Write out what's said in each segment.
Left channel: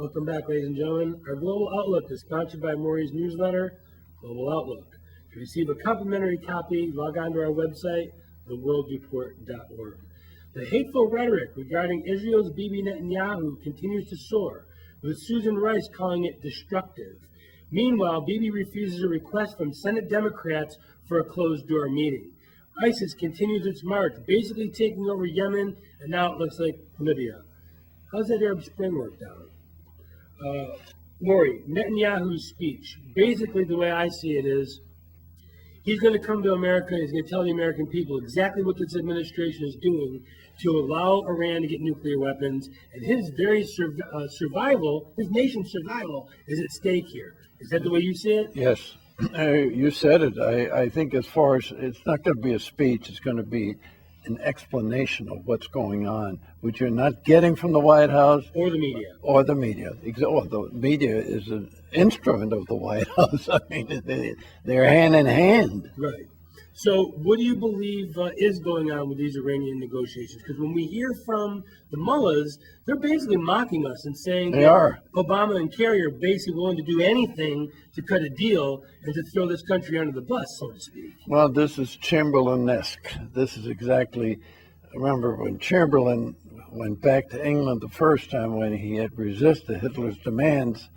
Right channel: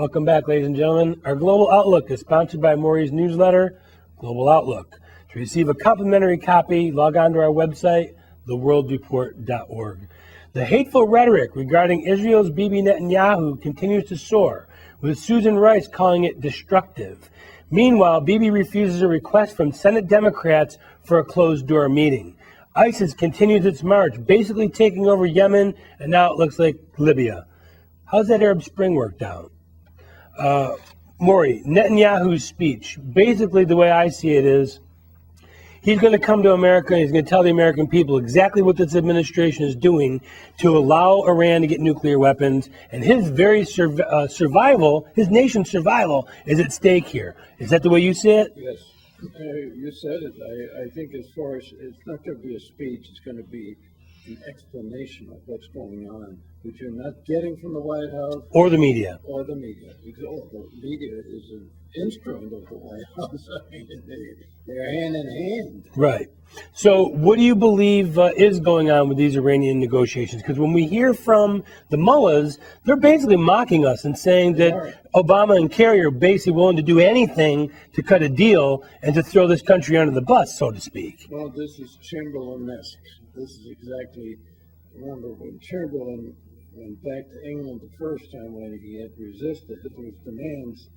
Welcome back, ladies and gentlemen. Our Global Outlook is sponsored by Maury's newsletter, Global Outlook. To receive a complimentary copy, log on to our website, theworldreport.org. The hateful rhetoric regarding Israel's Bibi Netanyahu continues to soar, with Susan Rice calling it destructive. Meanwhile, Bibi refuses a request from Senate Democrats for a closed-door meeting. ISIS continues its march, basically taking over Yemen, and now it looks like Libya. How's that Arab Spring worked out? Maury, Netanyahu's speech, basically the way I see it is, he's going to come to America and he's going to tell the American people exactly what this administration is doing to allow Iran to get nuclear weapons, and his very survival, his nation's survival, is at stake here. Is that the way you see it? Yes, you said it. I think as far as, it's not going to be a speech, it's going to be an explanation of what's going on, which you're not getting from the White House. Or the media. Or the media. Or the media is an instrument of the White House. I mean, they're hand in hand. Right. So what do you believe is going on with these Iranian negotiations? Because when we hear from the mullahs, they're basically mocking us and saying that Obama and Kerry are basically willing to do anything to cut a deal and to throw this country under the bus, so to speak. Well, this is Chamberlain-esque. This is exactly, remember when Chamberlain went back to England the first time when he had resisted Hitler's demands,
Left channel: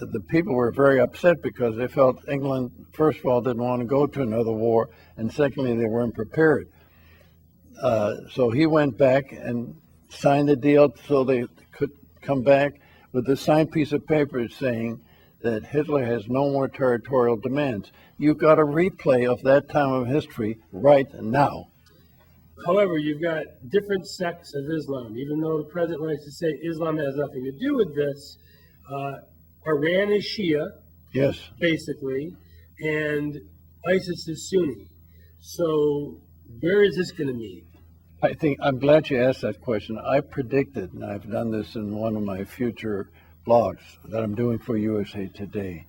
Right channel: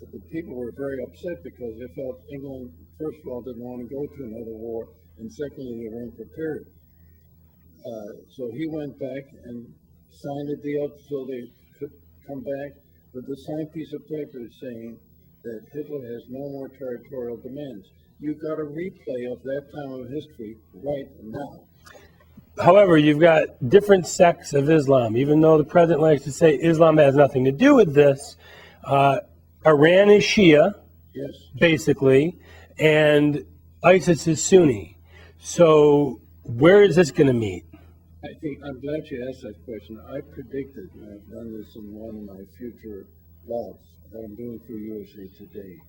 the people were very upset because they felt England, first of all, didn't want to go to another war, and secondly, they weren't prepared. So he went back and signed a deal so they could come back with a signed piece of paper saying that Hitler has no more territorial demands. You've got a replay of that time of history right now. However, you've got different sects of Islam. Even though the president likes to say Islam has nothing to do with this, Iran is Shia, yes, basically, and ISIS is Sunni. So where is this going to meet? I think, I'm glad you asked that question. I predicted, and I've done this in one of my future blogs that I'm doing for USA Today.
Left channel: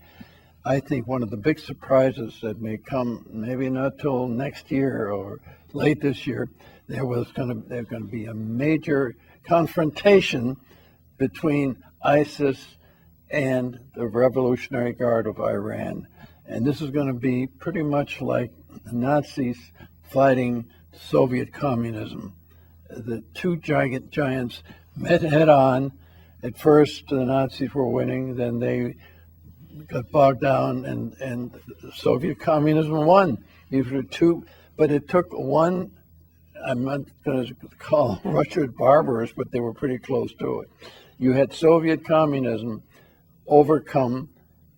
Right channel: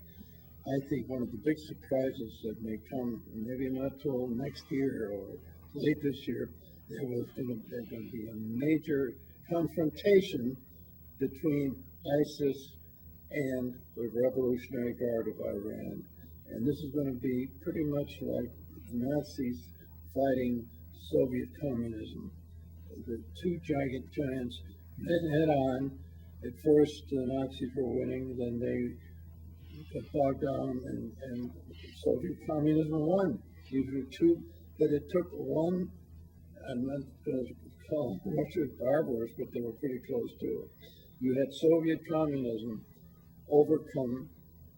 I think one of the big surprises that may come, maybe not till next year or late this year, there's going to be a major confrontation between ISIS and the Revolutionary Guard of Iran. And this is going to be pretty much like the Nazis fighting Soviet communism. The two giants met head on. At first, the Nazis were winning, then they got bogged down, and Soviet communism won. These were two, but it took one, I'm not going to call Russia barbarous, but they were pretty close to it. You had Soviet communism overcome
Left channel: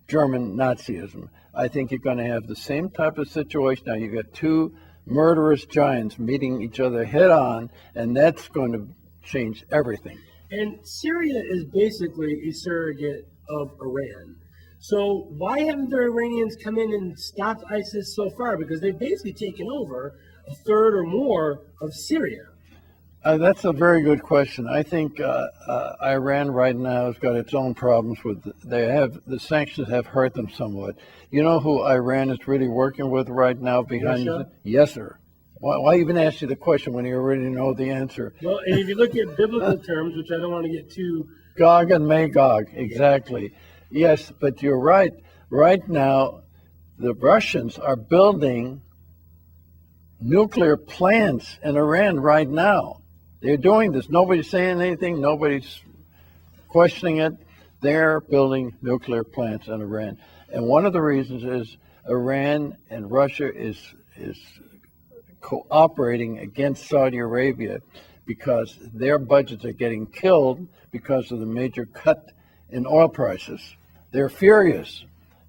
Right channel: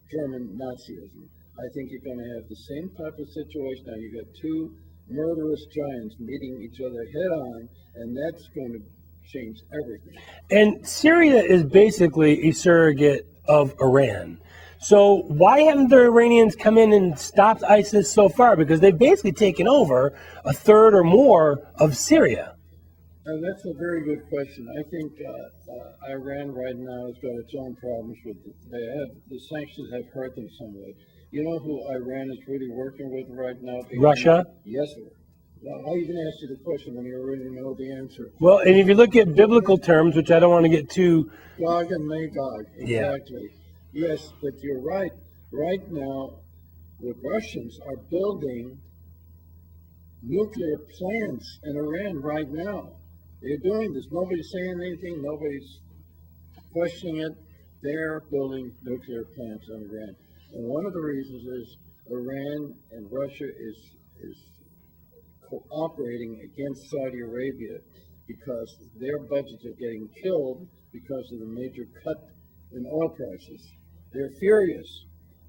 German Nazism. I think you're going to have the same type of situation. Now you got two murderous giants meeting each other head on, and that's going to change everything. And Syria is basically a surrogate of Iran. So why haven't the Iranians come in and stopped ISIS so far? Because they've basically taken over a third or more of Syria. That's a very good question. I think Iran right now has got its own problems with. The sanctions have hurt them somewhat. You know who Iran is really working with right now? Russia? Yes, sir. Why even ask you the question when you already know the answer? Well, and if you look at biblical terms, which I don't want to get too... Gog and Magog, exactly. Yeah. Yes, but you're right. Right now, the Russians are building nuclear plants in Iran right now. They're doing this. Nobody's saying anything. Nobody's questioning it. They're building nuclear plants in Iran. And one of the reasons is Iran and Russia is cooperating against Saudi Arabia because their budgets are getting killed because of the major cut in oil prices. They're furious,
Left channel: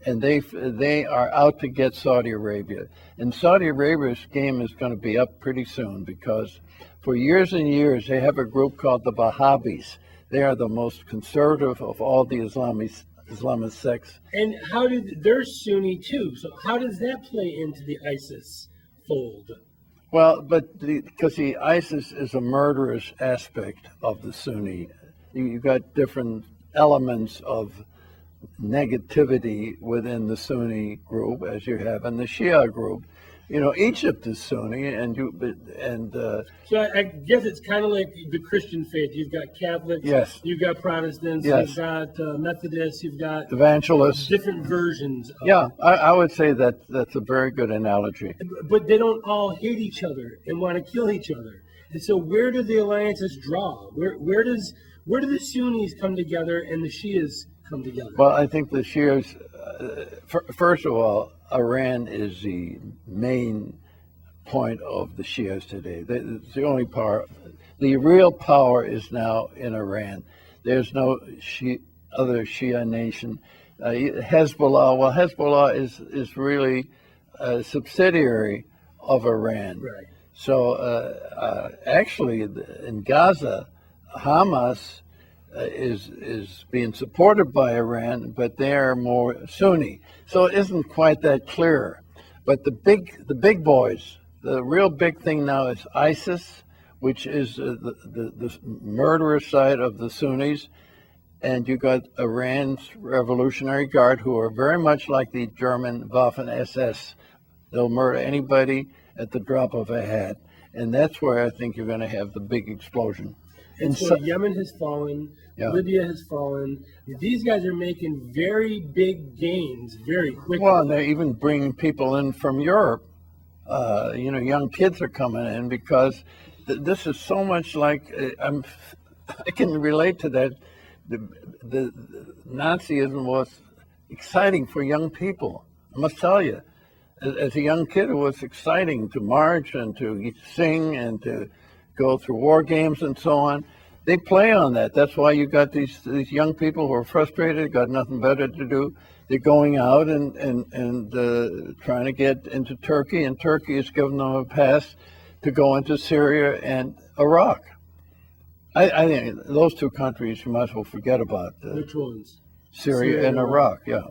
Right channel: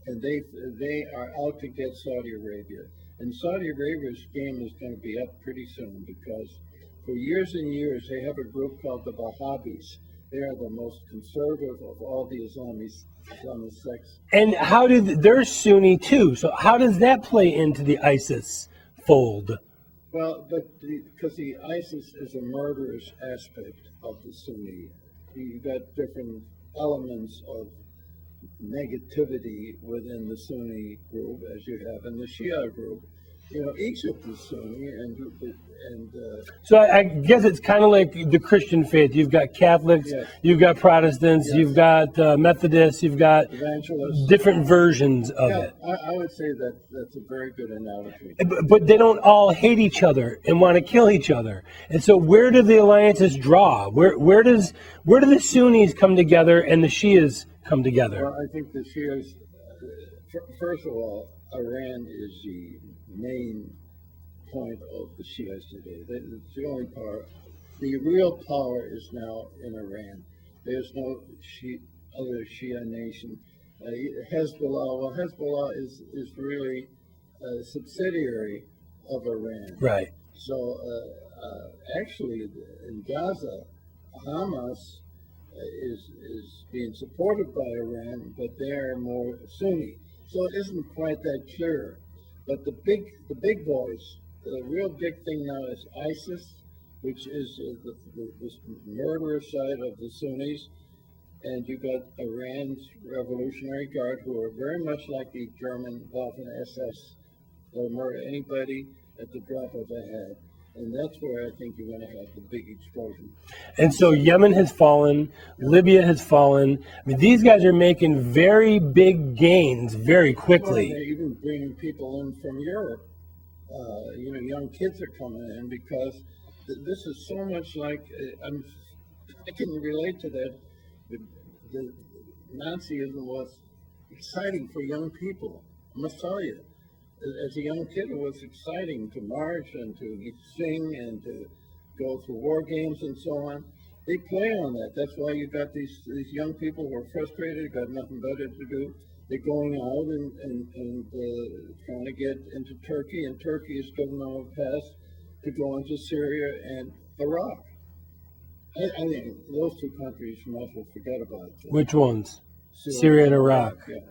and they are out to get Saudi Arabia. And Saudi Arabia's game is going to be up pretty soon because for years and years, they have a group called the Wahhabis. They are the most conservative of all the Islamist sects. And they're Sunni too, so how does that play into the ISIS fold? Well, because the ISIS is a murderous aspect of the Sunni. You've got different elements of negativity within the Sunni group, as you have in the Shia group. Egypt is Sunni, So I guess it's kind of like the Christian faith. You've got Catholics, Yes. you've got Protestants, Yes. you've got Methodists, you've got evangelists. different versions of Yeah, it. I would say that's a very good analogy. But they don't all hate each other and want to kill each other. And so where do the alliances draw? Where do the Sunnis come together and the Shias come together? Well, I think the Shias, first of all, Iran is the main point of the Shias today. It's the only power. The real power is now in Iran. There's no other Shia nation. Hezbollah is really a subsidiary of Iran. Right. So actually, in Gaza, Hamas is being supported by Iran, but they are more Sunni. So it isn't quite that clear. But the big boys, the real big thing now is ISIS, which is the murderous side of the Sunnis. And you got Iran's Revolutionary Guard, who are very much like the German Waffen SS. They'll murder anybody at the drop of a hat. And that's where I think you're going to have the big explosion. And so Yemen has fallen, Yeah. Libya has fallen. I mean, these guys are making very big gains very quickly. Well, they're even bringing people in from Europe. Young kids are coming in because this is so much like I can relate to that. The Nazism was exciting for young people. I must tell you, as a young kid, it was exciting to march and to sing and to go through war games and so on. They play on that. That's why you got these young people who are frustrated, got nothing better to do. They're going out and trying to get into Turkey, and Turkey has given them a pass to go into Syria and Iraq. I think those two countries you might as well forget about. Which ones? Syria and Iraq. Yeah.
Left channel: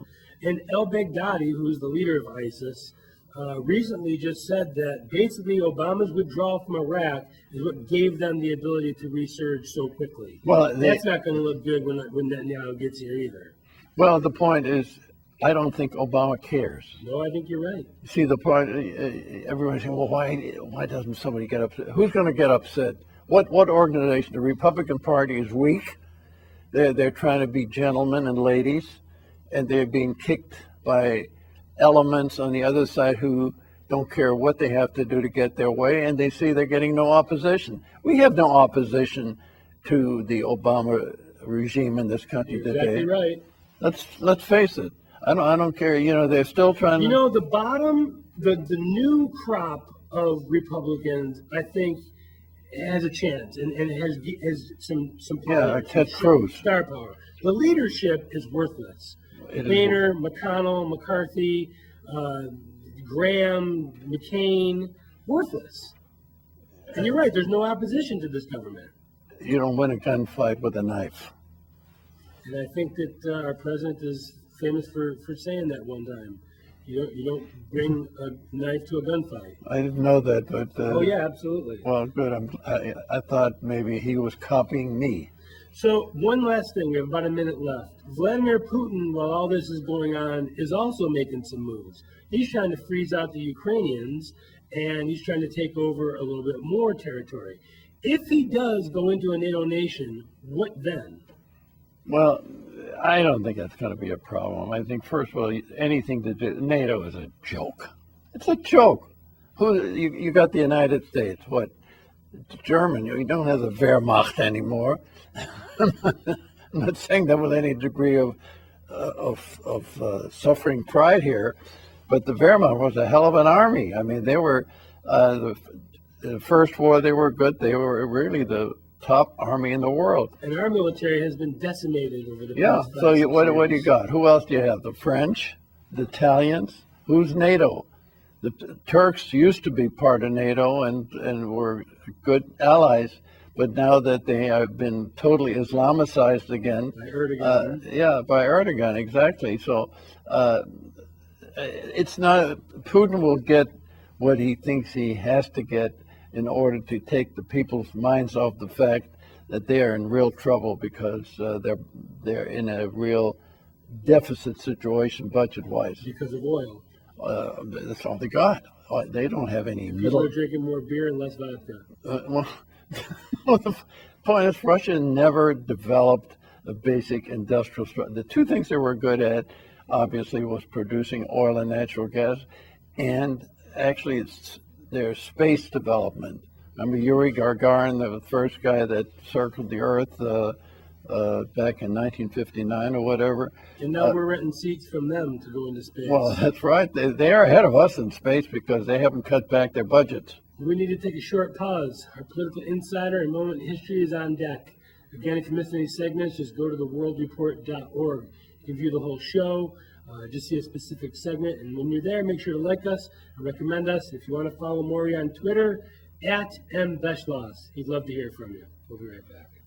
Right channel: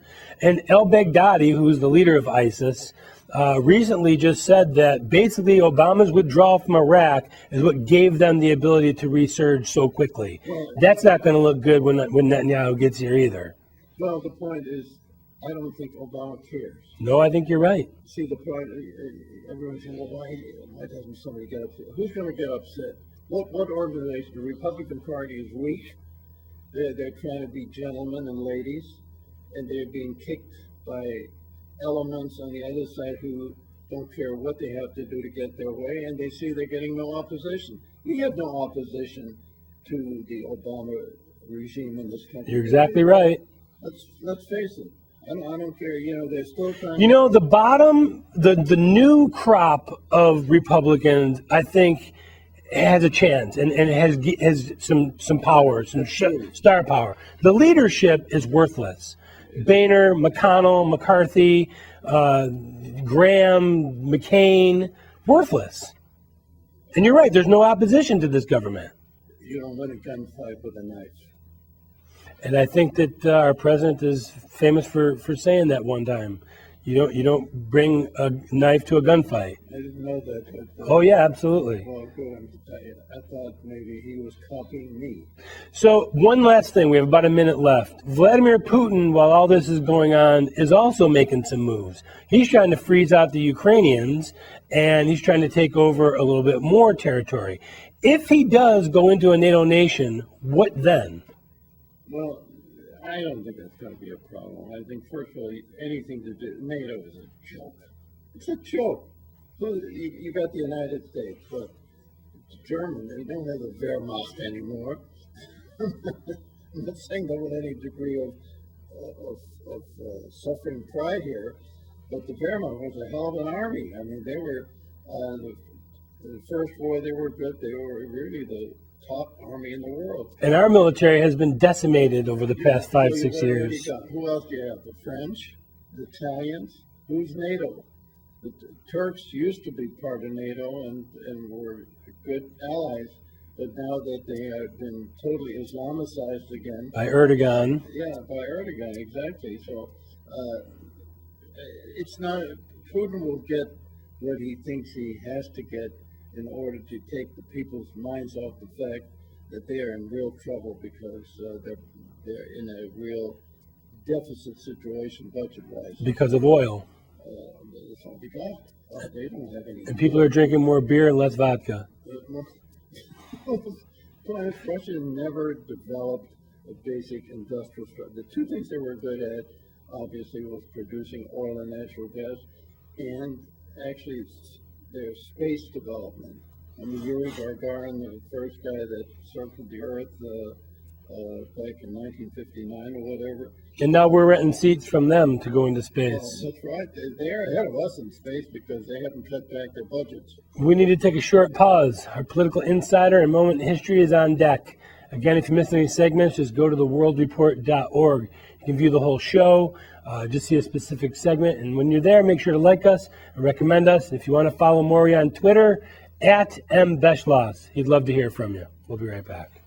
And al-Baghdadi, who's the leader of ISIS, recently just said that basically Obama's withdrawal from Iraq is what gave them the ability to resurge so quickly. Well, that's not going to look good when Netanyahu gets here either. Well, the point is, I don't think Obama cares. No, I think you're right. See, the point, everyone's saying, well, why doesn't somebody get upset? Who's going to get upset? What organization? The Republican Party is weak. They're trying to be gentlemen and ladies, and they're being kicked by elements on the other side who don't care what they have to do to get their way, and they see they're getting no opposition. We have no opposition to the Obama regime in this country. You're exactly right. Let's face it. I don't care. They're still trying. The new crop of Republicans, I think, has a chance and has some power, Yeah, some star power. The leadership is worthless. Boehner, McConnell, McCarthy, Graham, McCain, worthless. And you're right. There's no opposition to this government. You don't win a gunfight with a knife. And I think that our president is famous for saying that one time. You don't bring a knife to a gunfight. I didn't know that, but oh yeah, absolutely. Well, good. I thought maybe he was copying me. So one last thing, we have about a minute left. Vladimir Putin, while all this is going on, is also making some moves. He's trying to freeze out the Ukrainians, and he's trying to take over a little bit more territory. If he does go into a NATO nation, what then? Well, I don't think that's going to be a problem. I think, first of all, anything to do, NATO is a joke. It's a joke. You got the United States, what? German, you don't have the Wehrmacht anymore. I'm not saying that with any degree of suffering pride here, but the Wehrmacht was a hell of an army. I mean, they were, the first war, they were good. They were really the top army in the world. And our military has been decimated over the past 5-6 years. What do you got? Who else do you have? The French, the Italians. Who's NATO? The Turks used to be part of NATO and were good allies, but now that they have been totally Islamicized again. By Erdogan. By Erdogan, exactly. So it's not, Putin will get what he thinks he has to get in order to take the people's minds off the fact that they are in real trouble because they're in a real deficit situation budget-wise. Because of oil. That's all they got. they don't have any. And people are drinking more beer and less vodka. Well, well, the point is, Russia never developed a basic industrial structure. The two things they were good at, obviously, was producing oil and natural gas, and actually it's their space development. Remember Yuri Gagarin, the first guy that circled the Earth back in 1959 or whatever. And now we're renting seats from them to go into space. Well, that's right. They are ahead of us in space because they haven't cut back their budgets. We need to take a short pause. Our political insider and moment in history is on deck. Again, if you missed any segments, just go to theworldreport.org. You can view the whole show, just see a specific segment. And when you're there, make sure to like us and recommend us. If you want to follow Maury on Twitter, @MBeschloss. He'd love to hear from you. We'll be right back.